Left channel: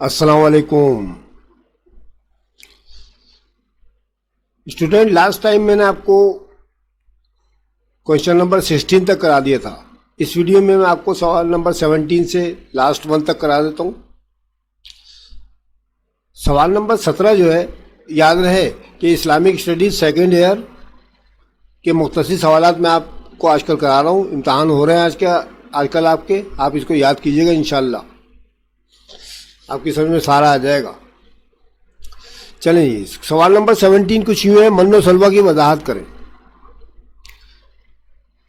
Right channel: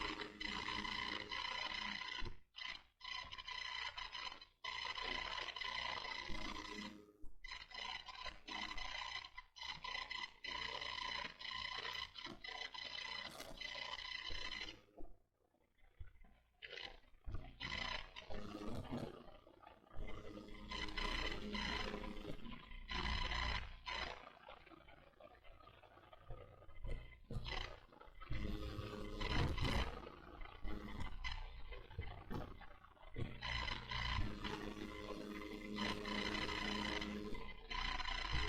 السلام علیکم student, last time میں نے آپ کو کوشچن نمبر 16 تک کرا دیا تھا. اس ویڈیو میں آپ کو سوال نمبر 17 سے لاسٹ 1 تک کرا دیتا ہوں. سوال نمبر 17 جو ہے، یاد رہے کہ اسلامک اسٹڈیز سیکنڈ ایئر کے مختصر سوالات میں آپ کو آج کل کرا رہا ہوں. امتحان ہو رہے ہیں آج کل آپ اس کو یاد کیجئے گا. انشاءاللہ آپ کی سمجھ میں سارا آ جائے گا. چلیں جی، سوال نمبر 17 کچھ یوں ہے: من و سلوہ کی وضاحت کریں.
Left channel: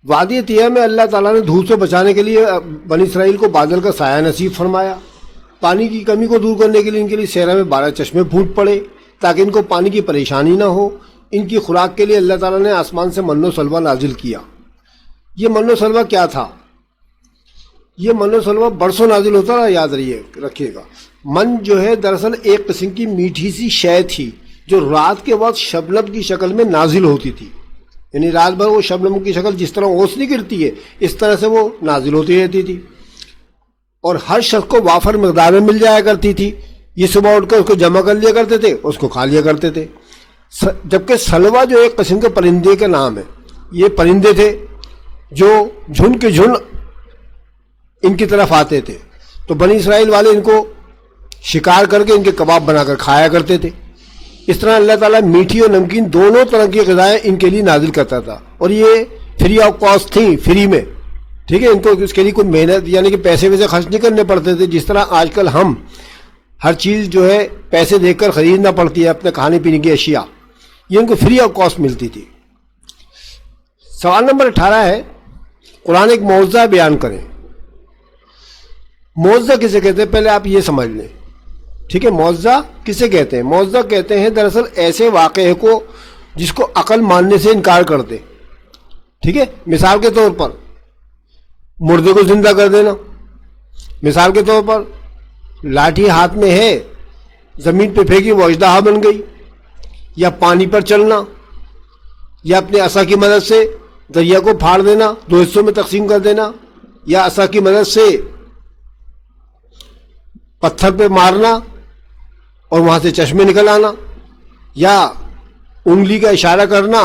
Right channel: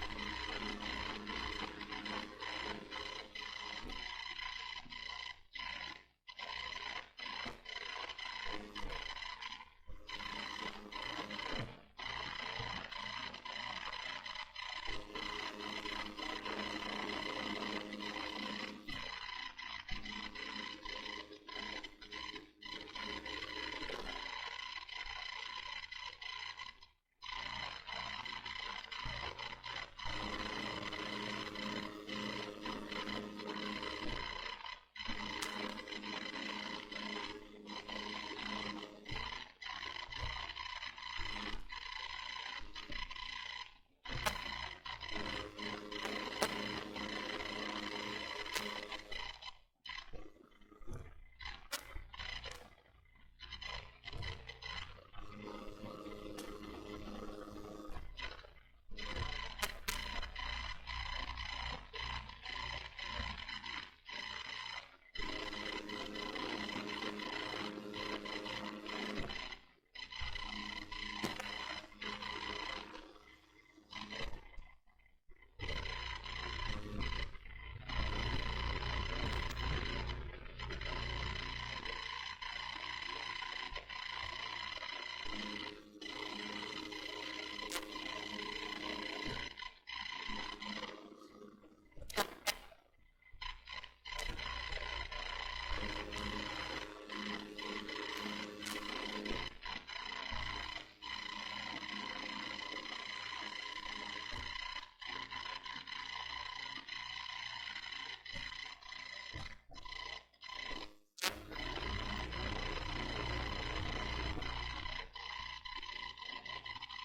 وادی طیہ میں اللہ تعالیٰ نے دھوپ سے بچانے کے لیے بنی اسرائیل کو بادل کا سایہ نصیب فرمایا. پانی کی کمی کو دور کرنے کے لیے ان کے لیے صحرا میں 12 چشمے پھوٹ پڑے تاکہ ان کو پانی کی پریشانی نہ ہو. ان کی خوراک کے لیے اللہ تعالیٰ نے آسمان سے من و سلوہ نازل کیا. یہ من و سلوہ کیا تھا؟ یہ من و سلوہ برسوں نازل ہوتا رہا. یاد رکھیے گا، من جو ہے دراصل ایک قسم کی میٹھی سی شے تھی جو رات کے وقت شبنم کی شکل میں نازل ہوتی تھی. یعنی رات بھر وہ شبنم کی شکل جس طرح اوسنی گرتی ہے اس طرح سے وہ نازل ہوتی رہتی تھی، اور ہر شخص کو وافر مقدار میں مل جایا کرتی تھی. یہ صبح اٹھ کر اس کو جمع کر لیا کرتے تھے، اس کو کھا لیا کرتے تھے. جبکہ سلوہ جو ایک قسم کے پرندے کا نام ہے، یہ پرندے تھے جو جھن کے جھن ان کی طرف آتے تھے. تو بنی اسرائیل والے ان کو شکار کر کے ان کے کباب بنا کر کھایا کرتے تھے. اس طرح اللہ تعالیٰ میٹھی اور نمکین دونوں طرح کی غذائیں ان کے لیے نازل کرتا تھا، اور یہ فری آف کاسٹ تھی، فری میں. ٹھیک ہے، ان کو اس کے لیے کوئی محنت یعنی کہ پیسے ویسے خرچ نہیں کرنے پڑتے تھے. جس طرح آج کل ہم ہر چیز جو ہے پیسے دے کر خریدنا پڑتی ہے اپنے کھانے پینے کی اشیاء، یہ ان کو فری آف کاسٹ ملتی تھی. سوال نمبر 18 ہے: قرآن ایک معجزہ بیان کریں. معجزہ کسے کہتے ہیں پہلے آپ یہ سمجھ لیں. ٹھیک ہے، معجزہ کسے کہتے ہیں؟ معجزہ کہتے ہیں دراصل ایسے واقعے کو جس کو عقل ماننے سے انکار کر دے. ٹھیک ہے، مثال کے طور پر مردے کو زندہ کر دینا. مثال کے طور پر لاٹھی ہاتھ میں ہے، زمین پہ پھینکی وہ اژدہا بن گئی. یا پانی پر چلنا، یا اپنے عصا کی مدد سے دریا کو پھاڑ دینا، 2 حصوں میں تقسیم کر دینا. یا عصا کی مدد سے پتھر پہ مارنا اور وہاں سے چشمے نکل آنا. یا انگلی کا اشارہ کرنا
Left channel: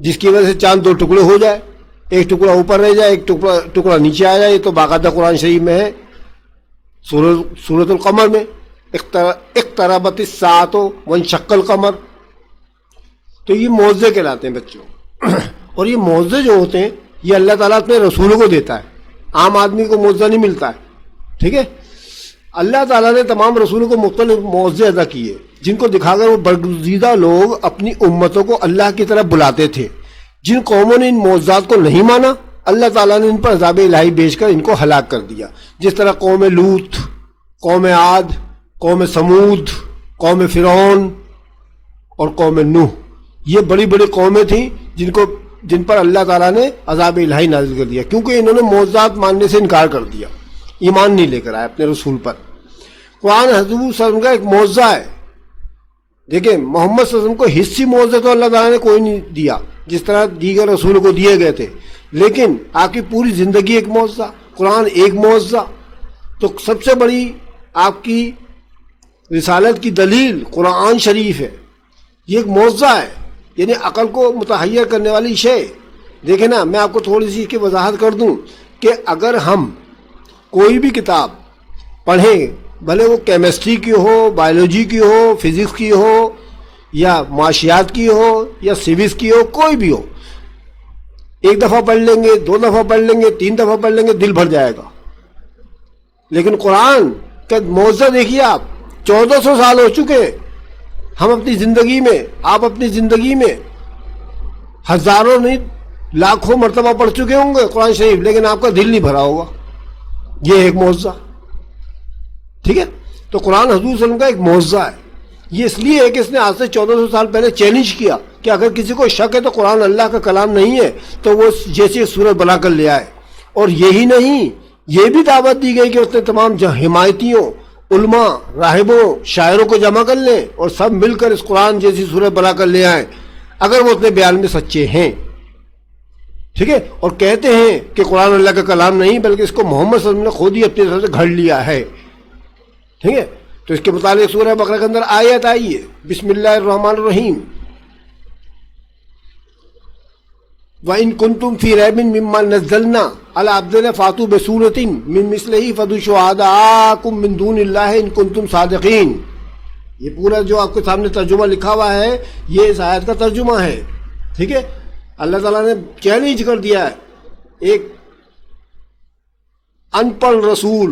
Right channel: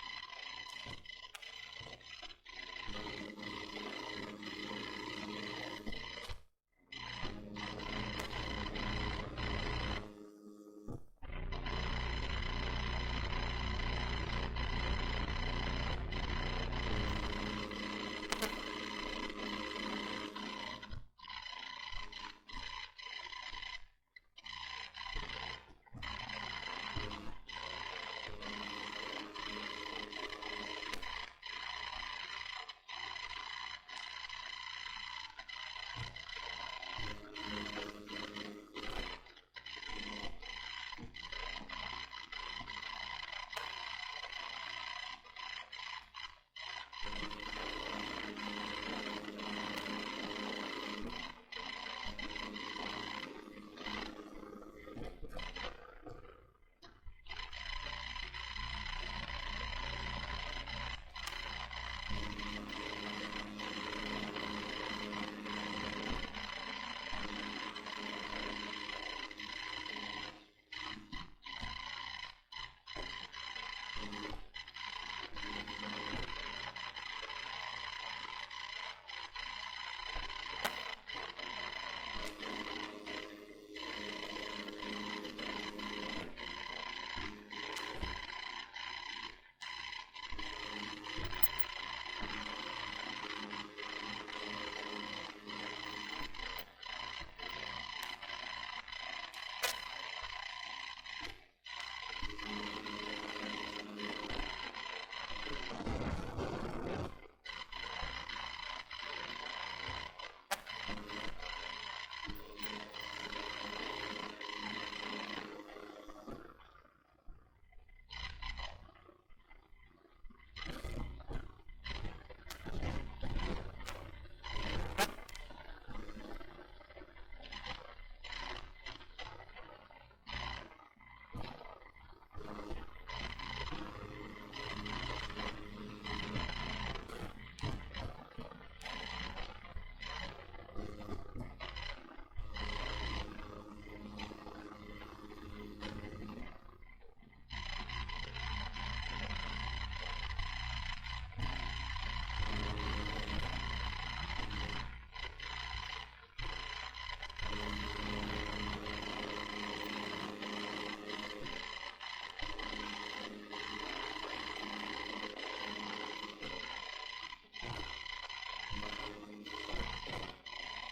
جس کی وجہ سے چاند 2 ٹکڑے ہو جائے، ایک ٹکڑا اوپر رہ جائے، ایک ٹکڑا نیچے آ جائے. یہ تو باقاعدہ قرآن شریف میں ہے، سورۃ القمر میں: اقتربت الساعۃ وانشق القمر. تو یہ معجزے کہلاتے ہیں بچوں. اور یہ معجزے جو ہوتے ہیں یہ اللہ تعالیٰ اپنے رسولوں کو دیتا ہے، عام آدمی کو معجزہ نہیں ملتا ہے. ٹھیک ہے، اللہ تعالیٰ نے تمام رسولوں کو مختلف معجزے عطا کیے جن کو دکھا کر وہ برگزیدہ لوگ اپنی امتوں کو اللہ کی طرف بلاتے تھے. جن قوموں نے ان معجزات کو نہیں مانا، اللہ تعالیٰ نے ان پر عذاب الہی بھیج کر ان کو ہلاک کر دیا. جس طرح قوم لوط، قوم عاد، قوم سمود، قوم فرعون اور قوم نوح، یہ بڑی بڑی قومیں تھیں جن پر اللہ تعالیٰ نے عذاب الہی نازل کر دیا کیونکہ انہوں نے معجزات ماننے سے انکار کر دیا، ایمان نہیں لے کر آئے اپنے رسول پر. قرآن حضور صلی اللہ علیہ وسلم کا ایک معجزہ ہے. دیکھیں، محمد صلی اللہ علیہ وسلم کو حصی معجزہ تو اللہ تعالیٰ نے کوئی نہیں دیا جس طرح دیگر رسولوں کو دیے گئے تھے، لیکن آپ کی پوری زندگی ایک معجزہ، قرآن ایک معجزہ. تو سب سے بڑی آپ کی رسالت کی دلیل قرآن شریف ہے. یہ ایک معجزہ ہے، یعنی عقل کو متحیر کرنے والی شے. دیکھیں نا، میں آپ کو تھوڑی سی اس کی وضاحت کر دوں کہ اگر ہم کوئی بھی کتاب پڑھیں، بھلے وہ کیمسٹری کی ہو، بایولوجی کی ہو، فزکس کی ہو، یا معاشیات کی ہو، یا سیوکس کی ہو، کوئی بھی ہو، 1 دفعہ پڑھ لیں گے، 2 دفعہ پڑھ لیں گے، 3 دفعہ پڑھ لیں گے، دل بھر جائے گا. لیکن قرآن کا معجزہ دیکھیے آپ، 1400 سال ہو چکے. ہم اپنی زندگی میں، آپ اپنی زندگی میں ہزاروں نہیں لاکھوں مرتبہ پڑھ چکے ہوں گے قرآن شریف، لیکن آپ کا دل نہیں بھرا ہوگا. یہ ایک معجزہ. ٹھیک ہے، تو قرآن حضور صلی اللہ علیہ وسلم کا ایک معجزہ ہے. یہ اس لیے ہے کہ اس نے آج سے 1400 سال پہلے چیلنج کیا کہ اگر کسی کو شک ہے تو قرآن اللہ کا کلام نہیں ہے تو وہ جیسی صورت بنا کر لے آئے. اور یہی نہیں، یہ بھی دعوت دی گئی کہ اس نے تمام حمایتیوں، علماء، راہبوں، شاعروں کو جمع کر لیں اور سب مل کر اس قرآن جیسی صورت بنا کر لے آئیں اگر وہ اپنے بیان میں سچے ہیں. ٹھیک ہے، اور کہتے ہیں کہ قرآن اللہ کا کلام نہیں بلکہ اس کو محمد صلی اللہ علیہ وسلم نے خود ہی اپنی طرف سے گھڑ لیا ہے. ٹھیک ہے. تو اس کے متعلق سورہ بقرہ کے اندر آیت آئی ہے, بسم اللہ الرحمن الرحیم, وَإِن كُنتُمْ فِي رَيْبٍ مِّمَّا نَزَّلْنَا عَلَىٰ عَبْدِنَا فَأْتُوا بِسُورَةٍ مِّن مِّثْلِهِ فَادْعُوا شُهَدَاءَكُم مِّن دُونِ اللَّهِ إِن كُنتُمْ صَادِقِينَ. یہ پورا جو آپ کے سامنے ترجمہ لکھا ہوا ہے یہ اس آیت کا ترجمہ ہے. ٹھیک ہے. اللہ تعالیٰ نے چیلنج کر دیا ہے ایک ان پڑھ رسول,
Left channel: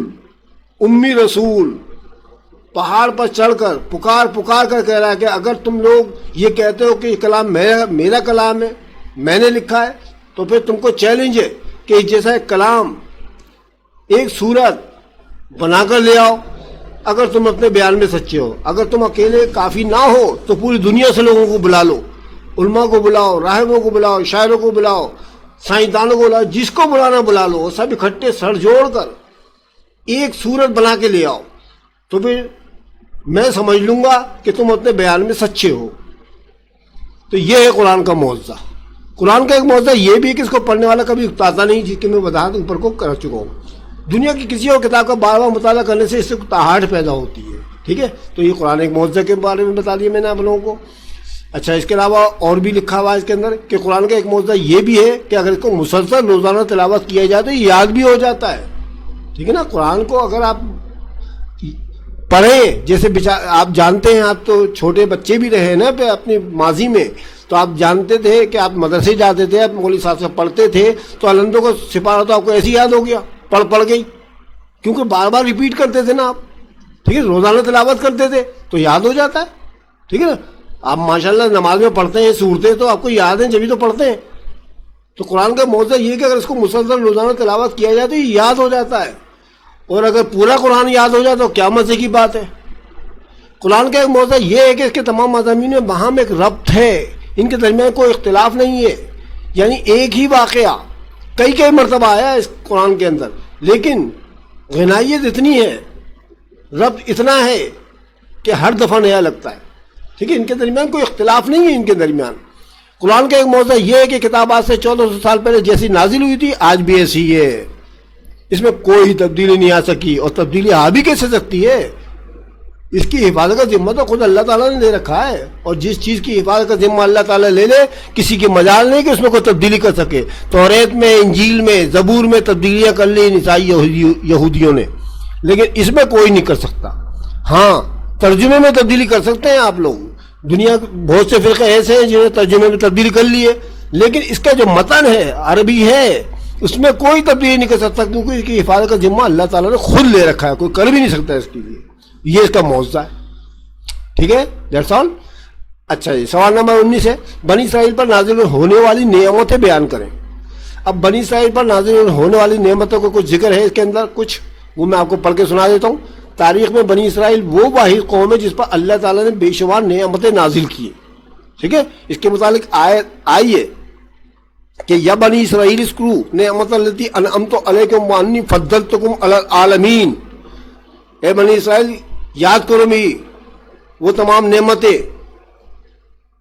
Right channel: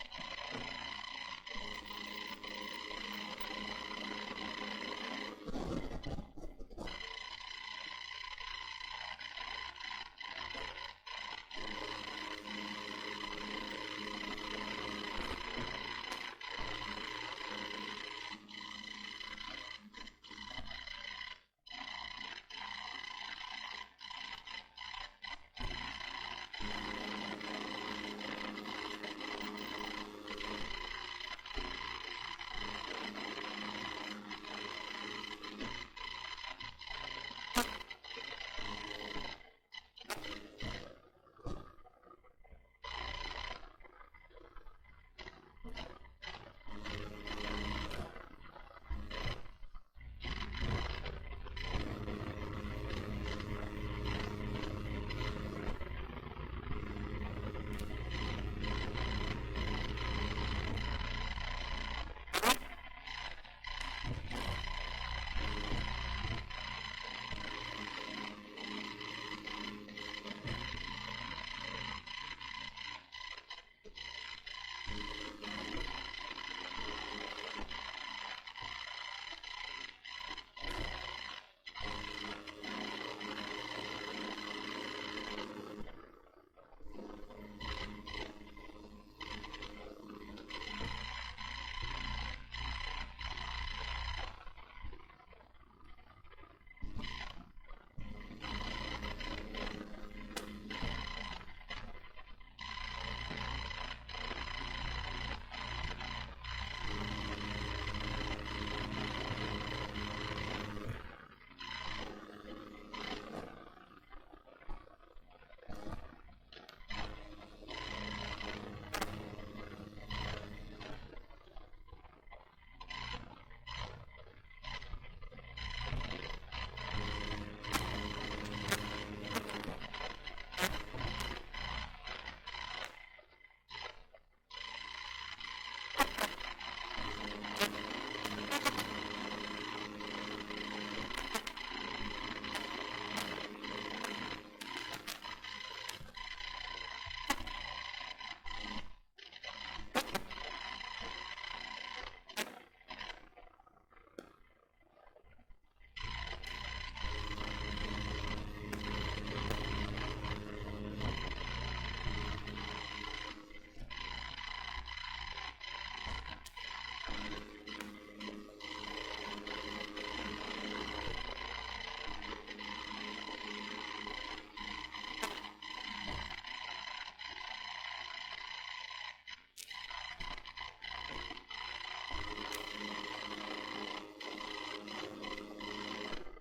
امی رسول, پہاڑ پر چڑھ کر پکار کر کہہ رہا ہے کہ اگر تم لوگ یہ کہتے ہو کہ یہ کلام میرا کلام ہے, میں نے لکھا ہے, تو پھر تم کو چیلنج ہے کہ جیسا ایک کلام ایک صورت بنا کر لے آؤ اگر تم اپنے بیان میں سچے ہو. اگر تم اکیلے کافی نہ ہو تو پوری دنیا سے لوگوں کو بلا لو, علماء کو بلاؤ, راہبوں کو بلاؤ, شاعروں کو بلاؤ, سائنسدانوں کو بلاؤ, جس کو بلانا بلا لو, سب اکٹھے سر جوڑ کر ایک صورت بنا کے لے آؤ, تو پھر میں سمجھ لوں گا کہ تم اپنے بیان میں سچے ہو. تو یہ ہے قرآن کا معجزہ. قرآن کا ایک معجزہ یہ بھی ہے کہ اس کو پڑھنے والا کبھی اکتاتا نہیں, جس کی میں وضاحت اوپر کو کر چکا ہوں. دنیا کی کسی اور کتاب کا بار بار مطالعہ کرنے سے اس سے تاہٹ پیدا ہوتی ہے. ٹھیک ہے. تو یہ قرآن ایک معجزہ کے بارے میں بتا دیا میں نے آپ لوگوں کو. اچھا, اس کے علاوہ اور بھی لکھا ہوا ہے اس کے اندر کہ قرآن کا ایک معجزہ یہ بھی ہے کہ اگر اس کو مسلسل روزانہ تلاوت کیا جائے تو یہ یاد بھی ہو جاتا ہے. ٹھیک ہے نا. قرآن کو اگر آپ پڑھیں, جیسے آپ جانتے ہیں, آپ تو چھوٹے بچے بھی رہے نا اپنی ماضی میں, تو آپ جانتے تھے کہ آپ مدرسے جاتے تھے, آپ مولوی صاحب سے پڑھتے تھے, تو علندوں کا سپارہ تو آپ کو ایسے یاد ہو گیا, پڑھ گئی, کیونکہ بار بار ریپیٹ کرتے تھے نا آپ. ٹھیک ہے. روزانہ تلاوت کرتے تھے تو یاد ہو جاتا ہے. ٹھیک ہے نا. آپ ماشاءاللہ نماز میں پڑھتے ہیں صورتیں, تو آپ کو یاد ہیں جبھی تو پڑھتے ہیں. تو قرآن کا معجزہ یہ کہ اگر اس کو مسلسل روزانہ تلاوت کیا جائے تو یہ یاد ہو جاتا ہے, اور اگر پورا قرآن یاد ہو جائے تو کیا مزے کی بات ہے. قرآن کا ایک معجزہ یہ ہے کہ اس کے تمام مضامین میں باہم ایک ربط ہے, ان کے درمیان کوئی اختلاف نہیں ہے. یعنی ایک ہی واقعہ کئی مرتبہ آیا اس قرآن کے اندر, لیکن غنائیت اتنی ہے, ربط اتنا ہے کہ ہر دفعہ نیا لگتا ہے. ٹھیک ہے. ان کے درمیان کوئی اختلاف نہیں ہے. ان کے درمیان قرآن کا ایک معجزہ یہ ہے کہ کتاب آج سے 1400 سال پہلے جیسی نازل ہوئی تھی آج بھی ایسی ہے, اس میں کوئی تبدیلی نہیں آ سکی, اور تبدیلی آ بھی کیسے سکتی ہے. اس کی حفاظت کا ذمہ تو خود اللہ تعالیٰ نے دے رکھا ہے, اور جس چیز کی حفاظت کا ذمہ اللہ تعالیٰ لے لے, کسی کی مجال نہیں کہ اس میں کوئی تبدیلی کر سکے. توریت میں, انجیل میں, زبور میں تبدیلیاں کر لی عیسائی یہودیوں نے, لیکن اس میں کوئی نہیں کر سکتا. ہاں, ترجمے میں تبدیلی کر سکتے ہیں آپ لوگ. دنیا بہت سے فرقے ایسے ہیں جنہوں نے ترجمے میں تبدیلی کر لی ہے, لیکن اس کا جو متن ہے عربی ہے اس میں کوئی تبدیلی نہیں کر سکتا, کیونکہ اس کی حفاظت کا ذمہ اللہ تعالیٰ نے خود لے رکھا ہے, کوئی کر بھی نہیں سکتا اس کے لیے. یہ اس کا معجزہ ہے. ٹھیک ہے. That's all. اچھا جی, سوال نمبر 19 ہے, بنی اسرائیل پر نازل ہونے والی نعمتیں بیان کریں. اب بنی اسرائیل پر نازل ہونے والی نعمتوں کو کچھ ذکر ہے اس کے اندر, کچھ وہ میں آپ کو پڑھ کے سنا دیتا ہوں. تاریخ میں بنی اسرائیل وہ واحد قوم ہے جس پر اللہ تعالیٰ نے بے شمار نعمتیں نازل کی. ٹھیک ہے. اس کے متعلق آیت آئی ہے کہ یا بنی اسرائیل اذکروا نعمت التی انعمت علیکم وانی فضلتکم علی العالمین. اے بنی اسرائیل, یاد کرو میری وہ تمام نعمتیں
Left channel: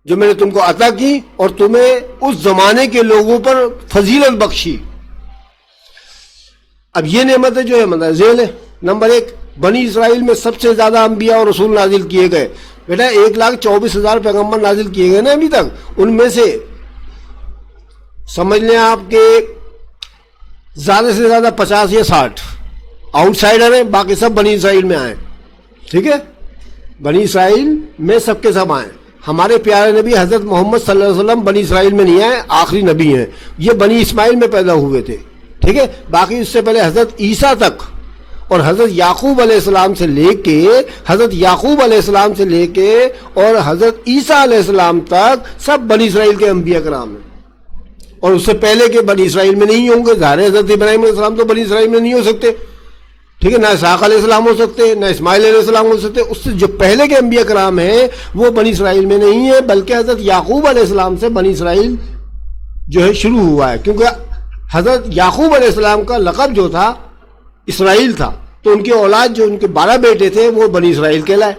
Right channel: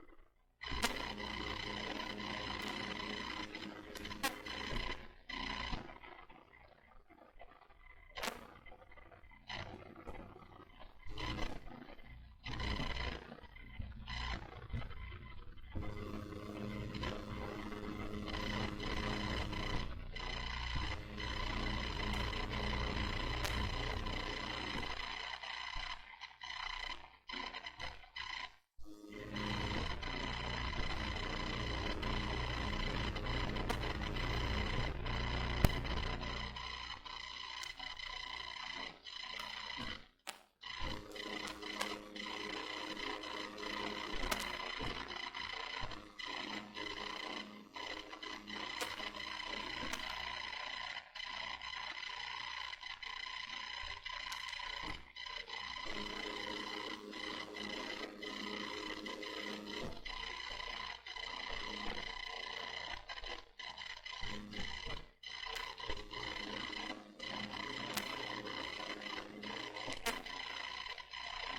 جو میں نے تم کو عطا کی اور تمہیں اس زمانے کے لوگوں پر فضیلت بخشی. اب یہ نعمتیں جو ہے مطلب ذیل ہے. نمبر 1, بنی اسرائیل میں سب سے زیادہ انبیاء اور رسول نازل کیے گئے. بیٹا 1,24,000 پیغمبر نازل کیے گئے نا ابھی تک, ان میں سے سمجھ لیں آپ کے زیادہ سے زیادہ 50 یا 60 آؤٹ سائڈر ہیں, باقی سب بنی اسرائیل میں آئے. ٹھیک ہے. بنی اسرائیل میں سب کے سب آئے. ہمارے پیارے نبی حضرت محمد صلی اللہ علیہ وسلم بنی اسرائیل میں نہیں آئے, آخری نبی ہیں, یہ بنی اسماعیل میں پیدا ہوئے تھے. ٹھیک ہے. باقی اس سے پہلے حضرت عیسیٰ تک اور حضرت یعقوب علیہ السلام سے لے کے اور حضرت عیسیٰ علیہ السلام تک سب بنی اسرائیل کے انبیاء کرام ہیں. اور اس سے پہلے کے بنی اسرائیل میں نہیں ہوں گے. ظاہر حضرت ابراہیم علیہ السلام تو بنی اسرائیل میں نہیں ہو سکتے. ٹھیک ہے. نہ اسحاق علیہ السلام ہو سکتے, نہ اسماعیل علیہ السلام ہو سکتے. اس سے جو پہلے کے انبیاء کرام ہیں وہ بنی اسرائیل میں نہیں ہیں, بلکہ حضرت یعقوب علیہ السلام سے بنی اسرائیل جو ہے شروع ہوا ہے, کیونکہ حضرت یعقوب علیہ السلام کا لقب جو تھا اسرائیل تھا, تو ان کی اولاد جو ان کے 12 بیٹے تھے وہ بنی اسرائیل کہلائے.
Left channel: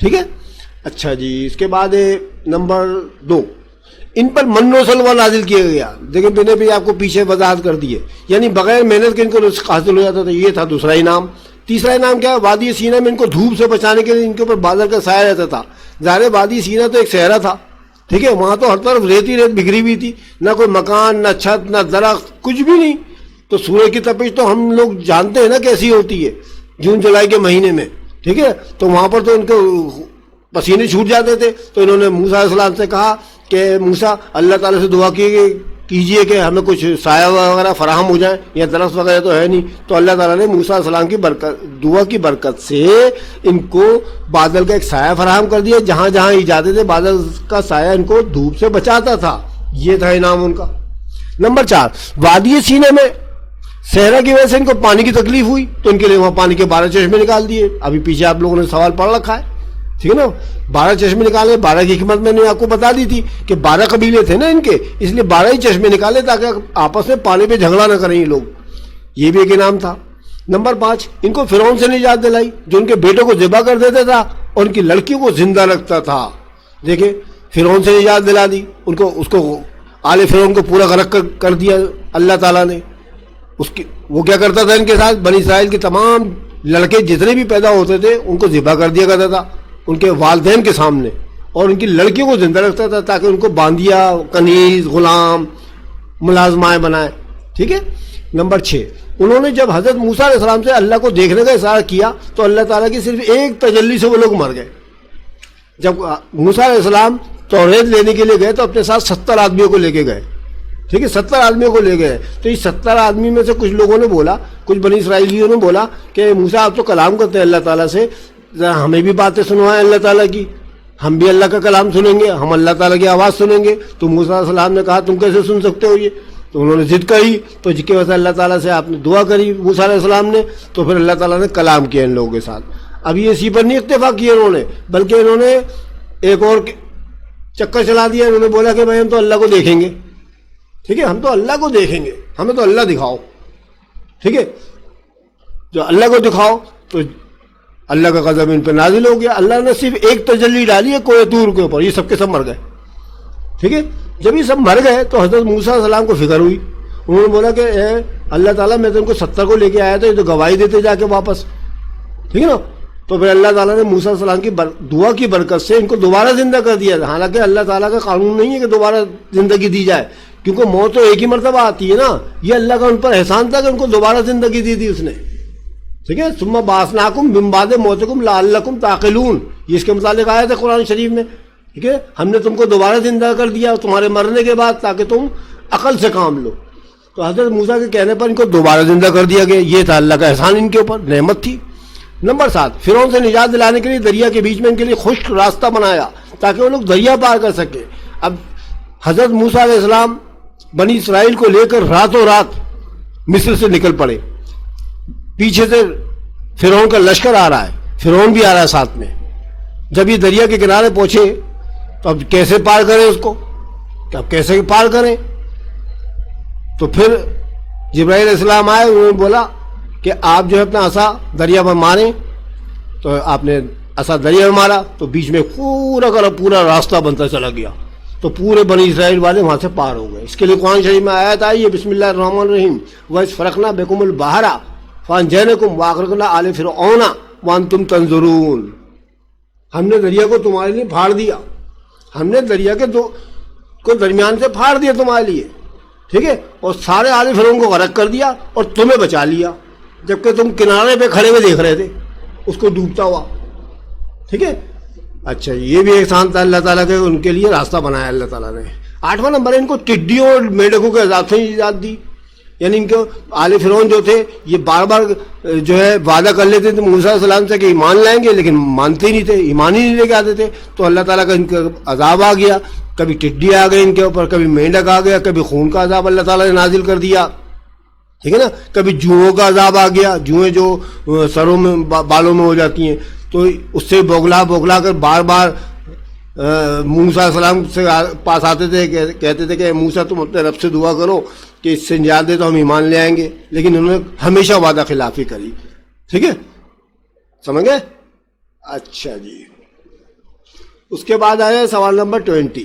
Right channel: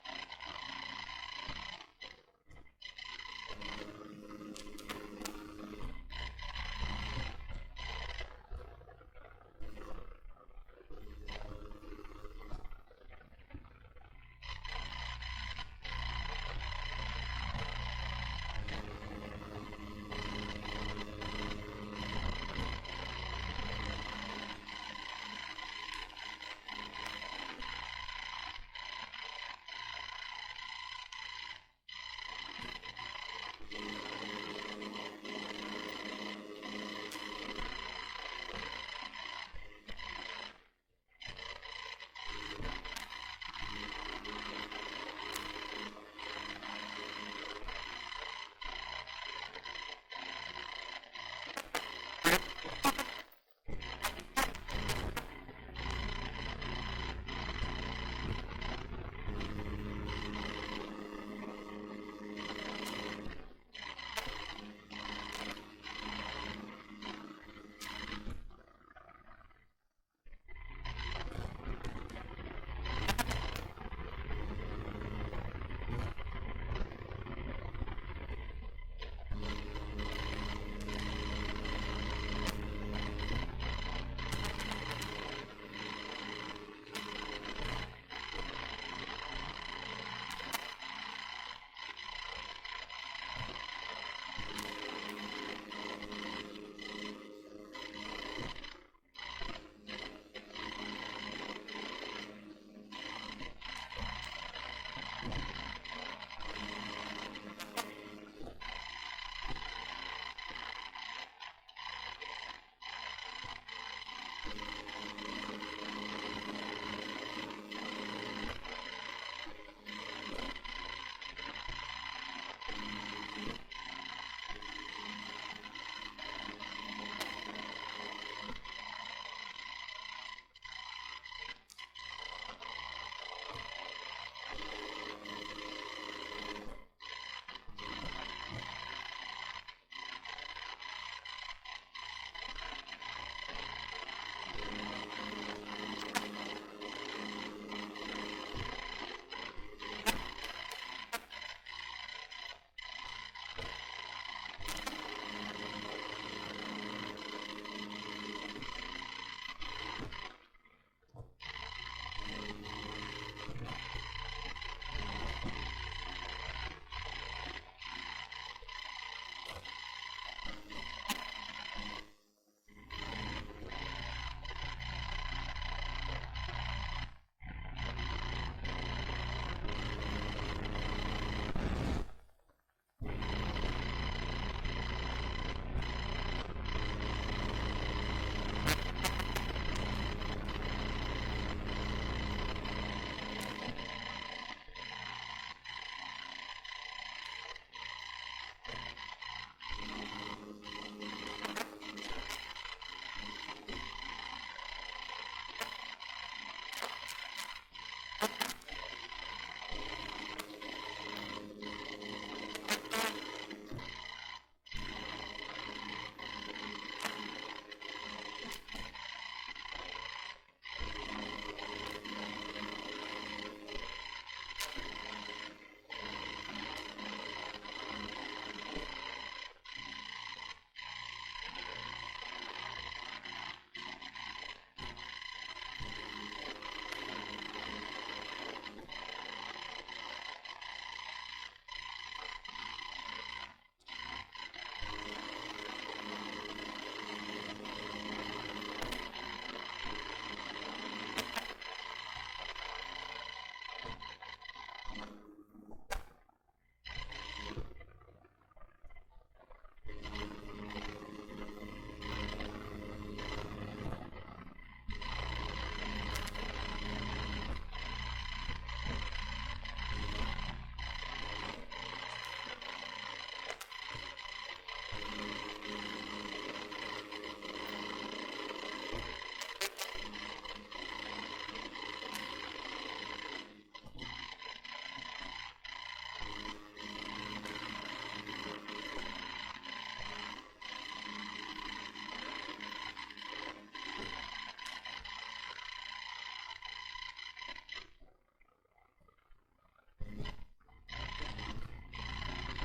ٹھیک ہے. اچھا جی, اس کے بعد نمبر 2, ان پر من و سلوہ نازل کیا گیا. دیکھیں میں نے بھی آپ کو پیچھے وضاحت کر دی ہے, یعنی بغیر محنت کے ان کو رزق حاصل ہو جاتا تھا, یہ تھا دوسرا انعام. تیسرا انعام کیا ہے؟ وادی سینا میں ان کو دھوپ سے بچانے کے لیے ان کے اوپر بادل کا سایہ رہتا تھا. ظاہر وادی سینا تو ایک صحرا تھا, ٹھیک ہے, وہاں تو ہر طرف ریت ہی ریت بکھری ہوئی تھی, نہ کوئی مکان, نہ چھت, نہ درخت, کچھ بھی نہیں. تو سورج کی تپش تو ہم لوگ جانتے ہیں نا کیسی ہوتی ہے جون جولائی کے مہینے میں, ٹھیک ہے. تو وہاں پر تو ان کو پسینے چھوٹ جاتے تھے. تو انہوں نے موسیٰ علیہ السلام سے کہا کہ موسیٰ اللہ تعالیٰ سے دعا کیجئے کہ ہمیں کچھ سایہ وغیرہ فراہم ہو جائے, یا درخت وغیرہ تو ہے نہیں. تو اللہ تعالیٰ نے موسیٰ علیہ السلام کی دعا کی برکت سے ان کو بادل کا ایک سایہ فراہم کر دیا. جہاں جہاں ہی جاتے تھے بادل کا سایہ ان کو دھوپ سے بچاتا تھا. یہ تھا انعام ان کا. نمبر 4, وادی سینے میں صحرا کی وجہ سے ان کو پانی کی تکلیف ہوئی, تو ان کے لیے وہاں پانی کے 12 چشمے نکال دیے. ابھی پیچھے آپ لوگوں نے سوال پڑھ رکھا ہے, ٹھیک ہے نا. 12 چشمے نکالے. 12 کی حکمت میں نے آپ کو بتا دی تھی کہ 12 قبیلے تھے نا ان کے, اس لیے 12 ہی چشمے نکالے تاکہ آپس میں پانی پہ جھگڑا نہ کریں یہ لوگ. یہ بھی ایک انعام تھا. نمبر 5, ان کو فرعون سے نجات دلائی جو ان کے بیٹوں کو ذبح کر دیتا تھا اور ان کی لڑکیوں کو زندہ رکھتا تھا. دیکھیں, فرعون سے نجات دلا دی ان کو, اس کو آل فرعون کو پورا غرق کر دیا اللہ تعالیٰ نے. وہ کیا کرتا تھا ان کے ساتھ, بنی اسرائیل کے تمام لڑکے جتنے بھی پیدا ہوتے تھے ان کو ذبح کر دیا کرتا تھا ان کے والدین کے سامنے, اور ان کی لڑکیوں کو زندہ رکھتا تھا تاکہ ان کو باندیا, کنیز, غلام, ملازمائیں بنائے, ٹھیک ہے. نمبر 6, انہوں نے جب حضرت موسیٰ علیہ السلام سے اللہ کو دیکھنے کا اشارہ کیا تو اللہ تعالیٰ کی صرف ایک تجلی سے وہ لوگ مر گئے. جب موسیٰ علیہ السلام توریت لینے کے لیے گئے تو اپنے ساتھ 70 آدمیوں کو لے کے گئے, ٹھیک ہے, 70 آدمیوں کو لے گئے. تو یہ 70 آدمی میں سے کچھ لوگوں نے بولا, کچھ بنی اسرائیلیوں نے بولا کہ موسیٰ آپ تو کلام کرتے ہیں اللہ تعالیٰ سے, ہمیں بھی باتیں سنوائیں اللہ تعالیٰ کی, ہم بھی اللہ کا کلام سنیں گے, ہم اللہ تعالیٰ کی آواز سنیں گے. تو موسیٰ علیہ السلام نے کہا تم کیسے سن سکتے ہو یہ, تو انہوں نے ضد کری. تو جس کی وجہ سے اللہ تعالیٰ سے آپ نے دعا کری موسیٰ علیہ السلام نے, تو پھر اللہ تعالیٰ نے کلام کیا ان لوگوں کے ساتھ. اب یہ اسی پر نہیں اکتفا کیا انہوں نے, بلکہ انہوں نے ایک اور چکر چلا دیا. انہوں نے بولا کہ بھائی ہم تو اللہ کو دیکھیں گے, ٹھیک ہے, ہم تو اللہ کو دیکھیں گے, ہمیں تو اللہ دکھاؤ, ٹھیک ہے, جو اللہ کو دکھاؤ. تو اللہ کا غضب ان پہ نازل ہو گیا. اللہ نے صرف ایک تجلی ڈالی ہے کوہ طور کے اوپر, یہ سب کے سب مر گئے, ٹھیک ہے. جب یہ سب مر گئے تو حضرت موسیٰ علیہ السلام کو فکر ہوئی. انہوں نے بولا کہ اے اللہ تعالیٰ میں تو ان کو 70 کو لے کے آیا تھا, یہ تو گواہی دیتے جا کے واپس, ٹھیک ہے نا. تو پھر اللہ تعالیٰ نے موسیٰ علیہ السلام کی دعا کی برکت سے ان کو دوبارہ زندہ کر دیا. حالانکہ اللہ تعالیٰ کا قانون نہیں ہے کہ دوبارہ زندگی دی جائے, کیونکہ موت تو ایک ہی مرتبہ آتی ہے نا. یہ اللہ کا ان پر احسان تھا کہ ان کو دوبارہ زندگی دی اس نے, ٹھیک ہے. ثم بعثناکم من بعد موتکم لعلکم تعقلون, یہ اس کے متعلق آیت ہے قرآن شریف میں, ٹھیک ہے. ہم نے تم کو دوبارہ زندہ کر دیا تمہارے مرنے کے بعد تاکہ تم عقل سے کام لو. تو حضرت موسیٰ کے کہنے پر ان کو دوبارہ زندہ کر دیا گیا. یہ تھا اللہ کا احسان ان کے اوپر, نعمت تھی. نمبر 7, فرعون سے نجات دلانے کے لیے دریا کے بیچ میں ان کے لیے خشک راستہ بنایا تاکہ وہ لوگ دریا پار کر سکے. اب حضرت موسیٰ علیہ السلام بنی اسرائیل کو لے کر راتوں رات مصر سے نکل پڑے. پیچھے سے فرعون کا لشکر آ رہا ہے, فرعون بھی آ رہا ہے ساتھ میں. جب یہ دریا کے کنارے پہنچے تو اب کیسے پار کریں اس کو, کہ اب کیسے پار کریں. تو پھر جبرائیل علیہ السلام آئے, انہوں نے بولا کہ آپ جو ہے اپنا عصا دریا پر ماریں. تو آپ نے عصا دریا میں مارا تو بیچ میں پورا راستہ بنتا چلا گیا. تو پورے بنی اسرائیل والے وہاں سے پار ہو گئے. اس کے لیے قرآن شریف میں آیت آئی ہے, بسم اللہ الرحمن الرحیم, وَإِذْ فَرَقْنَا بِكُمُ الْبَحْرَ فَأَنْجَيْنَاكُمْ وَأَغْرَقْنَا آلَ فِرْعَوْنَ وَأَنْتُمْ تَنظُرُونَ. ہم نے دریا کو تمہارے لیے پھاڑ دیا, ہم نے دریا کے کو درمیان سے پھاڑ دیا تمہارے لیے, ٹھیک ہے, اور سارے آل فرعون کو غرق کر دیا اور تمہیں بچا لیا, جبکہ تم کنارے پہ کھڑے ہوئے دیکھ رہے تھے اس کو ڈوبتا ہوا, ٹھیک ہے. اچھا, یہ بھی احسان تھا اللہ تعالیٰ کے, ان کے لیے راستہ بنایا اللہ تعالیٰ نے. 8واں نمبر ہے, ان کو ٹڈیوں اور میڈکوں کے عذاب سے نجات دی. یعنی ان کو آل فرعون جو تھے یہ بار بار جو ہے وعدہ کر لیتے تھے موسیٰ علیہ السلام سے کہ ایمان لائیں گے, لیکن مانتے ہی نہیں تھے, ایمان ہی نہیں لے کے آتے تھے. تو اللہ تعالیٰ کا ان کا عذاب آ گیا, کبھی ٹڈی آ گئی ان کے اوپر, کبھی مینڈک آ گیا, کبھی خون کا عذاب اللہ تعالیٰ نے نازل کر دیا, ٹھیک ہے نا, کبھی جوؤں کا عذاب آ گیا. جوئیں جو سروں میں بالوں میں ہو جاتی ہیں, تو اس سے بوگلا کر بار بار موسیٰ علیہ السلام سے پاس آتے تھے, کہتے تھے کہ موسیٰ تم اپنے رب سے دعا کرو کہ اس سے نجات دے تو ہم ایمان لے آئیں گے. لیکن انہوں نے ہمیشہ وعدہ خلافی کری, ٹھیک ہے, سمجھ گئے. اچھا جی, اس کے بعد آیا سوال نمبر 20,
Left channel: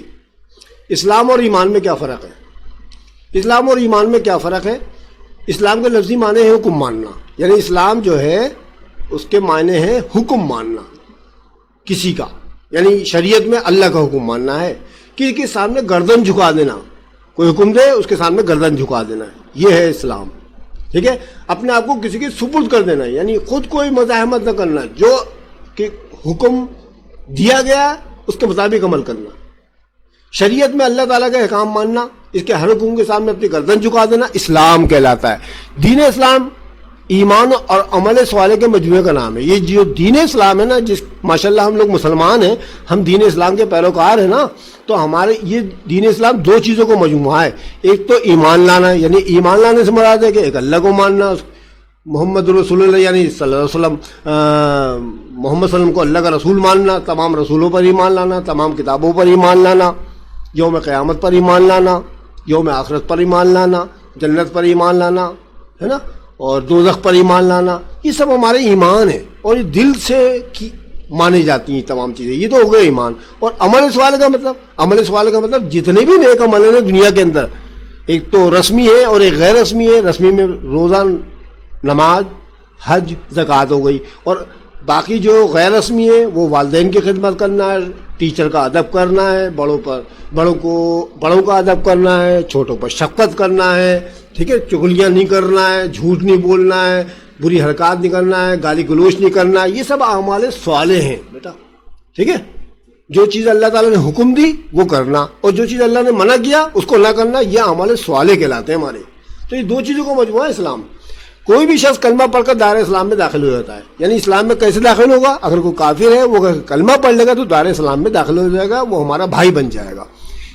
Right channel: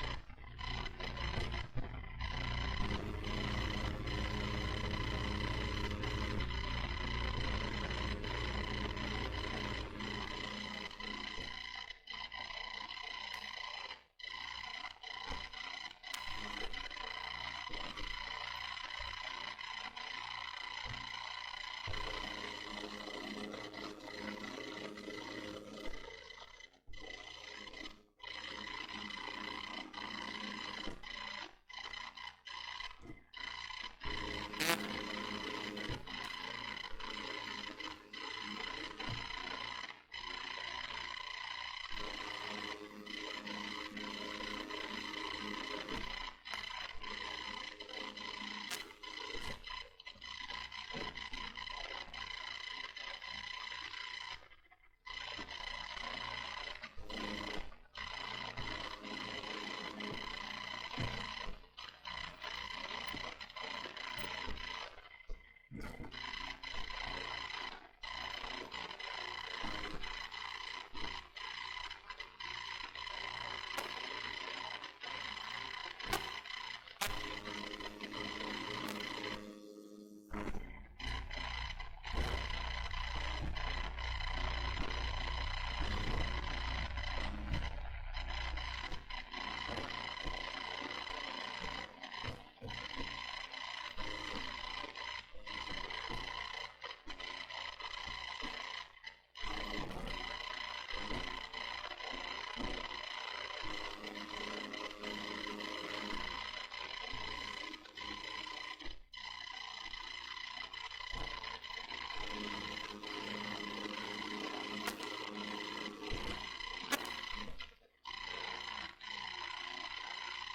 اسلام اور ایمان میں کیا فرق ہے. اسلام اور ایمان میں کیا فرق ہے. اسلام کے لفظی معنی ہے حکم ماننا, یعنی اسلام جو ہے اس کے معنی ہے حکم ماننا کسی کا، یعنی شریعت میں اللہ کا حکم ماننا ہے، کسی کے سامنے گردن جھکا دینا، کوئی حکم دے اس کے سامنے گردن جھکا دینا، یہ ہے اسلام، ٹھیک ہے. اپنے آپ کو کسی کے سپرد کر دینا، یعنی خود کوئی مزاحمت نہ کرنا، جو کہ حکم دیا گیا اس کے مطابق عمل کرنا. شریعت میں اللہ تعالیٰ کا احکام ماننا، اس کے ہر حکم کے سامنے اپنی گردن جھکا دینا اسلام کہلاتا ہے. دین اسلام ایمان اور عمل صالح کے مجموعے کا نام ہے. یہ جو دین اسلام ہے نا، جس ماشاءاللہ ہم لوگ مسلمان ہیں، ہم دین اسلام کے پیروکار ہیں نا، تو ہمارے یہ دین اسلام دو چیزوں کو مجموعہ ہے. ایک تو ایمان لانا، یعنی ایمان لانے سے مراد ہے کہ ایک اللہ کو ماننا، محمد رسول اللہ یعنی صلی اللہ علیہ وسلم، محمد صلی اللہ علیہ وسلم کو اللہ کا رسول ماننا، تمام رسولوں پر ایمان لانا، تمام کتابوں پر ایمان لانا، یوم قیامت پر ایمان لانا، یوم آخرت پر ایمان لانا، جنت پر ایمان لانا، ہے نا، اور دوزخ پر ایمان لانا. یہ سب ہمارے ایمان ہیں اور یہ دل سے مانی جاتی ہیں تمام چیزیں. یہ تو ہو گئے ایمان. اور عمل صالح کا مطلب، عمل صالح کا مطلب جتنے بھی نیک عمل ہیں دنیا کے اندر، ایک تو رسمی ہے اور ایک غیر رسمی ہے. رسمی میں روزہ، نماز، حج، زکوٰۃ ہو گئی، اور باقی جو غیر رسمی ہے وہ والدین کی خدمت کرنا ہے، ٹیچر کا ادب کرنا ہے، بڑوں کا ادب کرنا ہے، چھوٹوں پر شفقت کرنا ہے، ٹھیک ہے، چغلیاں نہیں کرنا ہے، جھوٹ نہیں بولنا ہے، بری حرکات نہیں کرنا ہے، گالی گلوچ نہیں کرنا ہے. یہ سب اعمال صالح ہیں بیٹا، ٹھیک ہے. جو چیز اللہ تعالیٰ نے حکم دی وہ کرنا، اور جو چیز اللہ نے منع کیا اس کو نہ کرنا، یہ اعمال صالح کہلاتے ہیں ہمارے. تو یہ دو چیزوں کو مجموعہ ہے اسلام. کوئی بھی شخص کلمہ پڑھ کر دائرہ اسلام میں داخل ہو جاتا ہے. یعنی اسلام میں کیسے داخل ہوگا؟ اگر کوئی کافر ہے وہ کلمہ پڑھ لے گا تو دائرہ اسلام میں داخل ہو جائے گا، وہ ہمارا بھائی بن جائے گا.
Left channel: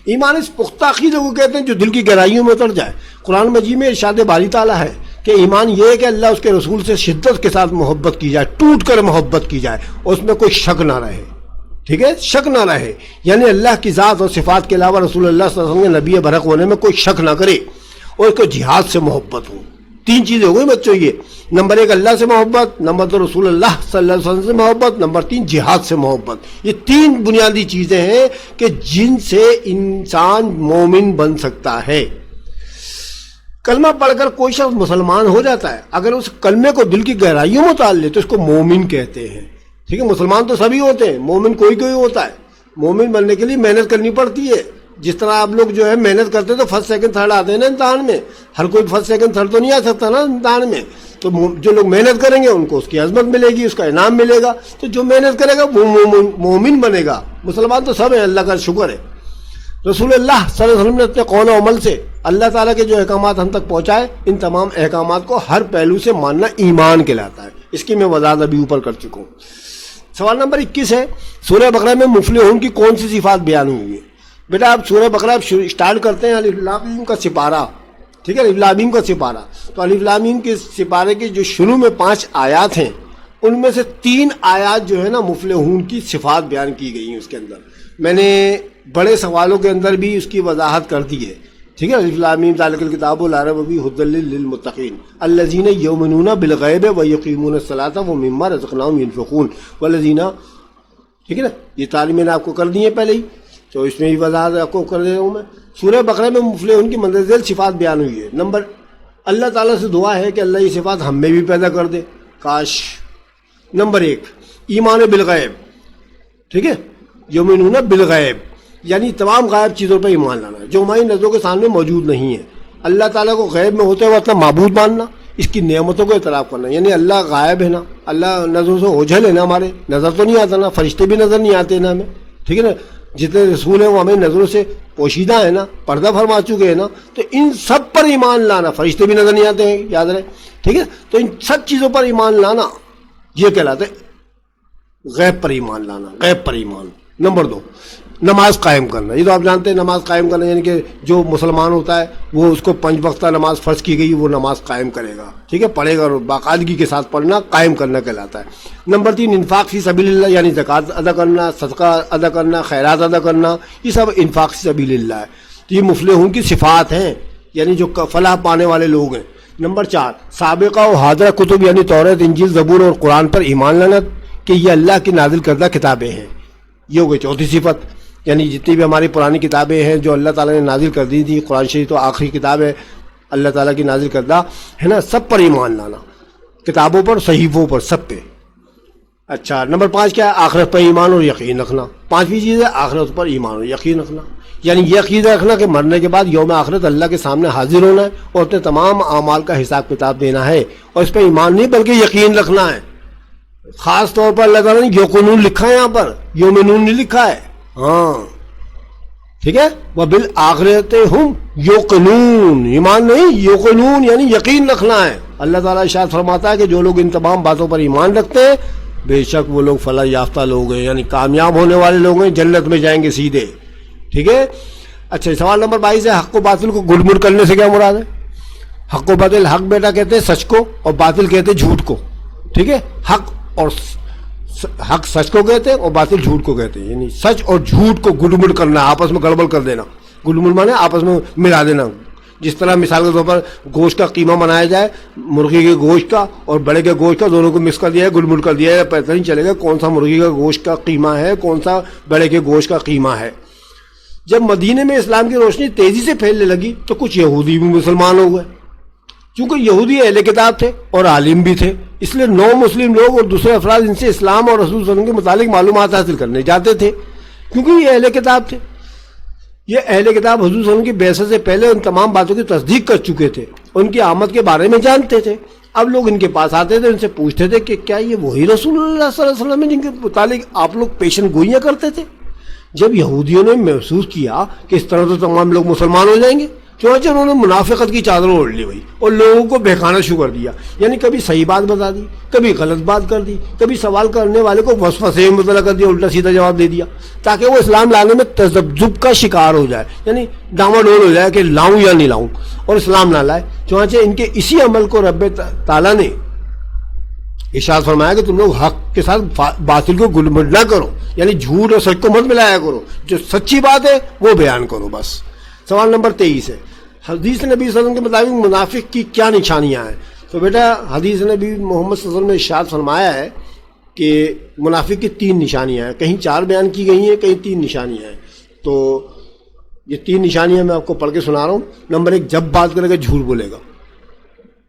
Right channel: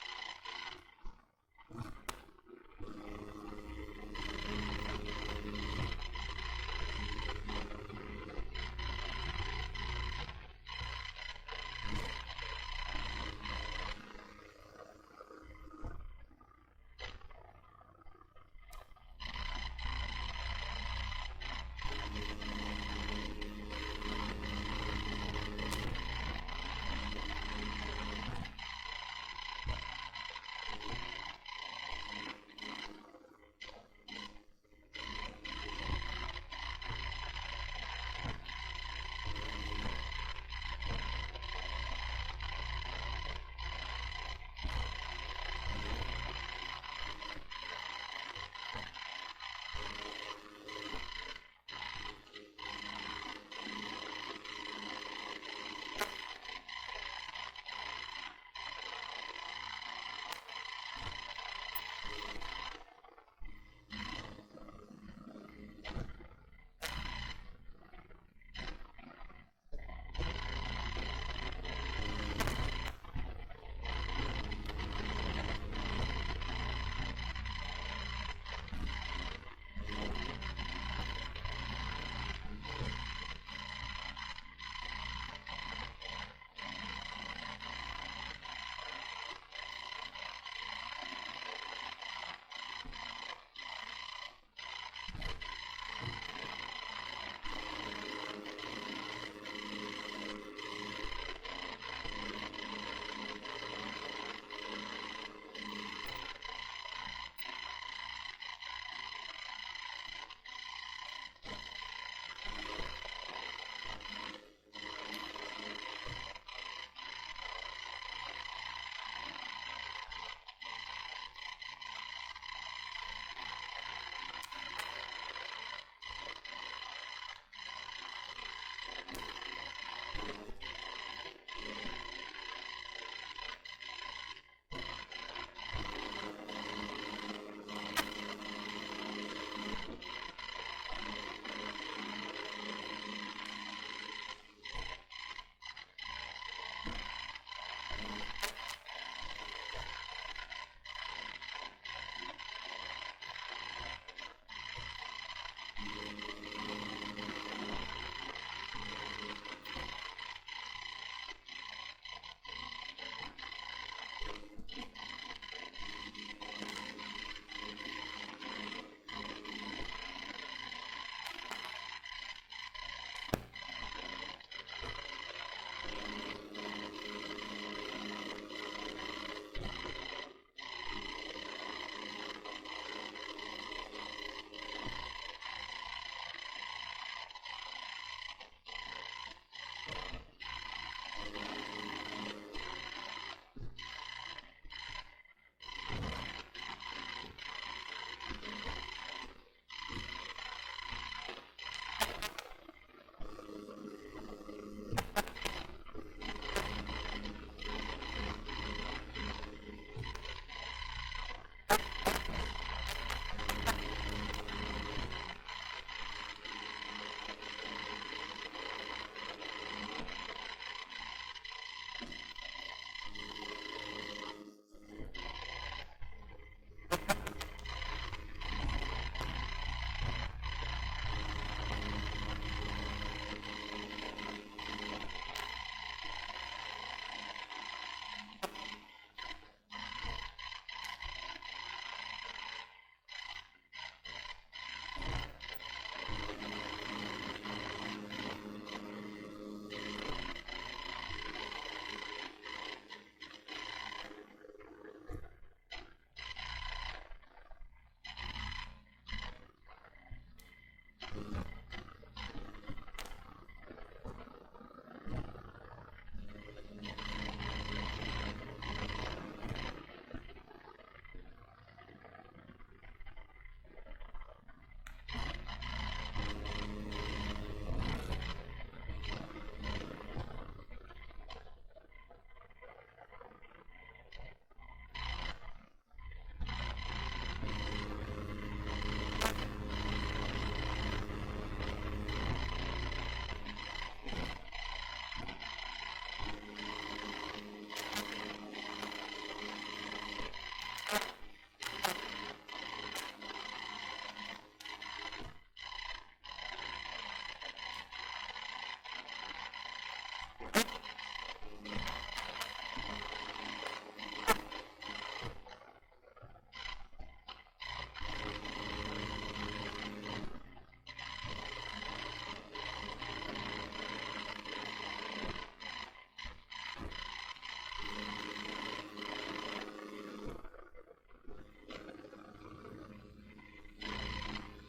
ایمان اس پختہ عقیدے کو کہتے ہیں جو دل کی گہرائیوں میں اتر جائے. قرآن مجید میں ارشاد باری تعالیٰ ہے کہ ایمان یہ ہے کہ اللہ اس کے رسول سے شدت کے ساتھ محبت کی جائے، ٹوٹ کر محبت کی جائے، اور اس میں کوئی شک نہ رہے، ٹھیک ہے، شک نہ رہے. یعنی اللہ کی ذات اور صفات کے علاوہ رسول اللہ صلی اللہ علیہ وسلم کے نبی برحق ہونے میں کوئی شک نہ کرے، اور اس کو جہاد سے محبت ہو. تین چیزیں ہو گئی بچوں یہ. نمبر ایک اللہ سے محبت، نمبر دو رسول اللہ صلی اللہ علیہ وسلم سے محبت، نمبر تین جہاد سے محبت. یہ تین بنیادی چیزیں ہیں کہ جن سے انسان مومن بن سکتا ہے. کلمہ پڑھ کر کوئی شخص مسلمان ہو جاتا ہے، اگر اس کلمے کو دل کی گہرائیوں میں اتار لے تو اس کو مومن کہتے ہیں. ٹھیک ہے، مسلمان تو سبھی ہوتے ہیں، مومن کوئی کوئی ہوتا ہے. مومن بننے کے لیے محنت کرنی پڑتی ہے. جس طرح آپ لوگ جو ہے محنت کرتے تو فرسٹ سیکنڈ تھرڈ آتے ہیں نا امتحان میں. ہر کوئی فرسٹ سیکنڈ تھرڈ تو نہیں آ سکتا نا امتحان میں. تو جو لوگ محنت کریں گے ان کو اس کی عظمت ملے گی، اس کا انعام ملے گا. تو جو محنت کرے گا وہ مومن بنے گا. مسلمان تو سب ہیں، اللہ کا شکر ہے. رسول اللہ صلی اللہ علیہ وسلم نے اپنے قول و عمل سے اللہ تعالیٰ کے جو احکامات ہم تک پہنچائے، ان تمام احکامات کو ہر پہلو سے ماننا ایمان کہلاتا ہے. اس کی میں وضاحت ابھی اوپر کر چکا ہوں. سوال نمبر 21 ہے، سورہ بقرہ میں مفلحون کی کون سی صفات بیان ہوئی ہیں؟ بیٹا آپ سورہ بقرہ اسٹارٹ کرتے ہیں الف لام میم کا سپارہ، ٹھیک ہے، الف لام میم کا سپارہ. تو الف لام میم کے سپارے کے جو شروع میں 5 آیات ہیں، ان میں سے 3 آیات جو ہے نا مفلحون کی صفات بیان کی گئی ہیں. اس کے اندر میں نے بڑے سوالوں کے اندر بھی اس کی وضاحت کر دی ہے، ٹھیک ہے. الف لام میم ذالک الکتاب لا ریب فیہ ھدی للمتقین الذین یؤمنون بالغیب ویقیمون الصلاۃ ومما رزقناہم ینفقون والذین، ٹھیک ہے نا. یہ تعلیم میں نے آپ کو کر دی ہے پہلے ہی، تو اس میں بھی وضاحت آپ کو کر دے رہا ہوں میں. سورہ بقرہ میں مفلحون کی مندرجہ ذیل صفات بیان ہوئی ہے. اللہ تعالیٰ سے دعا ہے کہ اللہ یہ صفات ہم میں بھی پیدا کر دے، کاش. نمبر 1 ایمان بالغیب، ٹھیک ہے، یؤمنون بالغیب یعنی تمام غائب چیزوں پر ایمان لانا جو ہماری نظروں کے سامنے موجود نہیں ہے. اللہ تعالیٰ کو غیب میں ہوتے ہوئے اپنا معبود ماننا، اس کی نعمتوں کو اعتراف کرنا. یعنی اللہ غائب ہے نا، اللہ نظروں سے اوجھل ہے نا، ہمارے نظر تو نہیں آتا نا، فرشتے بھی نظر نہیں آتے نا ہمیں، ٹھیک ہے نا. جتنے رسول ہیں وہ ہمیں نظروں سے پوشیدہ ہیں نا، پردہ فرما چکے ہیں نا. تو ان سب پر ایمان لانا، فرشتے بھی نظر نہیں آتے ہیں یاد رہے، ٹھیک ہے. تو ان سب چیزوں پر ایمان لانا یہ کہلاتے غیب پر ایمان لانا، غیب پر ایمان. نمبر 2 نماز قائم کرنا. یہ تو آپ جانتے ہیں نماز قائم کرنا یعنی کہ جو مسلمان ہوتا ہے وہ اس کو 5 وقتہ نماز فرض کی گئی وہ نماز قائم کرے گا، ٹھیک ہے، پڑھے گا، اور باقاعدگی کے ساتھ پڑھنا قائم کرنا کہلاتا ہے. نمبر 3 انفاق فی سبیل اللہ یعنی زکوٰۃ ادا کرنا، صدقہ ادا کرنا، خیرات ادا کرنا، یہ سب انفاق فی سبیل اللہ ہے. یہ مفلحون کی صفات ہیں، یعنی جو فلاح پانے والے لوگ ہیں. نمبر 4 سابقہ و حاضرہ کتب یعنی توریت، انجیل، زبور اور قرآن پر ایمان لانا کہ یہ اللہ کی نازل کردہ کتابیں ہیں. یہ ہو گئی 4تھی صفت. یعنی جتنی بھی ہماری پرانی کتابیں ہیں جو اللہ تعالیٰ نے نازل کر دی تھی، قرآن شریف تو آخری کتاب ہے اللہ تعالیٰ کی نازل کردہ، ہے نا، سب پر ایمان لانا، کتابوں پر، صحیفوں پر، سب پہ. اچھا نمبر 5 کیا ہے؟ آخرت پر ایمان اور یقین رکھنا. 5ویں چیز ہے آخرت پر ایمان اور یقین رکھنا. یعنی یہ عقیدہ رکھنا کہ مرنے کے بعد یوم آخرت اللہ کے سامنے حاضر ہونا ہے اور اپنے تمام اعمال کا حساب کتاب دینا ہے. اور اس پہ ایمان نہیں بلکہ یقین رکھنا ہے. خاص طور پر اللہ تعالیٰ نے یوقنون لکھا ہے, یہاں پر یومنون نہیں لکھا ہے. ہاں ٹھیک ہے, وبالآخرۃ ہم یوقنون, ایمان نہیں یوقنون یعنی یقین رکھنا ہے. اللہ تعالیٰ ارشاد فرماتا ہے کہ جو لوگ ان تمام باتوں پر ایمان رکھتے ہیں بے شک وہ لوگ فلاح یافتہ لوگ ہیں, یعنی کامیاب ہونے والے لوگ ہیں, جنت میں جائیں گے سیدھے. ٹھیک ہے. اچھا سوال نمبر 22 ہے حق و باطل کو گڑ مڑ کرنے سے کیا مراد ہے؟ حق و باطل, حق بیٹا کہتے ہیں سچ کو اور باطل کہتے ہیں جھوٹ کو. ٹھیک ہے, حق اور حق سچ کو کہتے ہیں اور باطل جھوٹ کو کہتے ہیں. یعنی سچ اور جھوٹ کو گڑ مڑ کرنا, آپس میں گڑبڑ کر دینا. گڑ مڑ مانے آپس میں ملا دینا. جس طرح مثال کے طور پر گوشت کا قیمہ بنایا جائے, مرغی کے گوشت کا اور بڑے کے گوشت کا دونوں کو مکس کر دیا ہے, گڑ مڑ کر دیا ہے, پتہ نہیں چلے گا کون سا مرغی کا گوشت کا قیمہ ہے کون سا بڑے کے گوشت کا قیمہ ہے. جب مدینے میں اسلام کی روشنی تیزی سے پھیلنے لگی تو کچھ یہودی بھی مسلمان ہو گئے. چونکہ یہودی اہل کتاب تھے اور عالم بھی تھے, اس لیے نو مسلم لوگ اور دوسرے افراد ان سے اسلام اور رسول صلی اللہ علیہ وسلم کے متعلق معلومات حاصل کرنے جاتے تھے, کیونکہ یہ اہل کتاب تھے. یہ اہل کتاب حضور صلی اللہ علیہ وسلم کی بعثت سے پہلے ان تمام باتوں کی تصدیق کر چکے تھے, ان کی آمد کے بارے میں جانتے تھے. اب لوگ ان کے پاس آتے تھے, ان سے پوچھتے تھے کہ کیا یہ وہی رسول اللہ صلی اللہ علیہ وسلم ہیں جن کے متعلق آپ لوگ پیشن گوئیاں کرتے تھے؟ جب یہودیوں نے محسوس کیا کہ اس طرح تو تمام لوگ مسلمان ہو جائیں گے, چنانچہ انہوں نے منافقت کی چادر اوڑھ لی بھائی اور لوگوں کو بہکانا شروع کر دیا. یعنی کبھی صحیح بات بتا دی, کبھی غلط بات کر دی, کبھی سوال کرنے والے کو وسوسے میں مبتلا کر دیا, الٹا سیدھا جواب دے دیا تاکہ وہ اسلام لانے میں تذبذب کا شکار ہو جائے, یعنی ڈاما ڈول ہو جائے کہ لاؤں یا نہیں لاؤں, اور اسلام نہ لائے. چنانچہ ان کے اسی عمل کو رب تعالیٰ نے ارشاد فرمایا کہ تم لوگ حق کے ساتھ باطل کو گل مڑ نہ کرو, یعنی جھوٹ اور سچ کو مت ملایا کرو, جو سچی بات ہے وہ بیان کرو بس. سوال نمبر 23 ہے حدیث نبی صلی اللہ علیہ وسلم کے مطابق منافق کی کیا نشانیاں ہیں؟ تو بیٹا حدیث نبی محمد صلی اللہ علیہ وسلم نے ارشاد فرمایا ہے کہ منافق کی 3 نشانیاں ہیں, کہیں 4 بیان کی گئی ہیں, کہیں 3 نشانیاں ہیں. تو یہ 3 نشانیاں میں آپ کو پڑھ کے سنا رہا ہوں. نمبر 1, جب بات کرے گا جھوٹ بولے گا.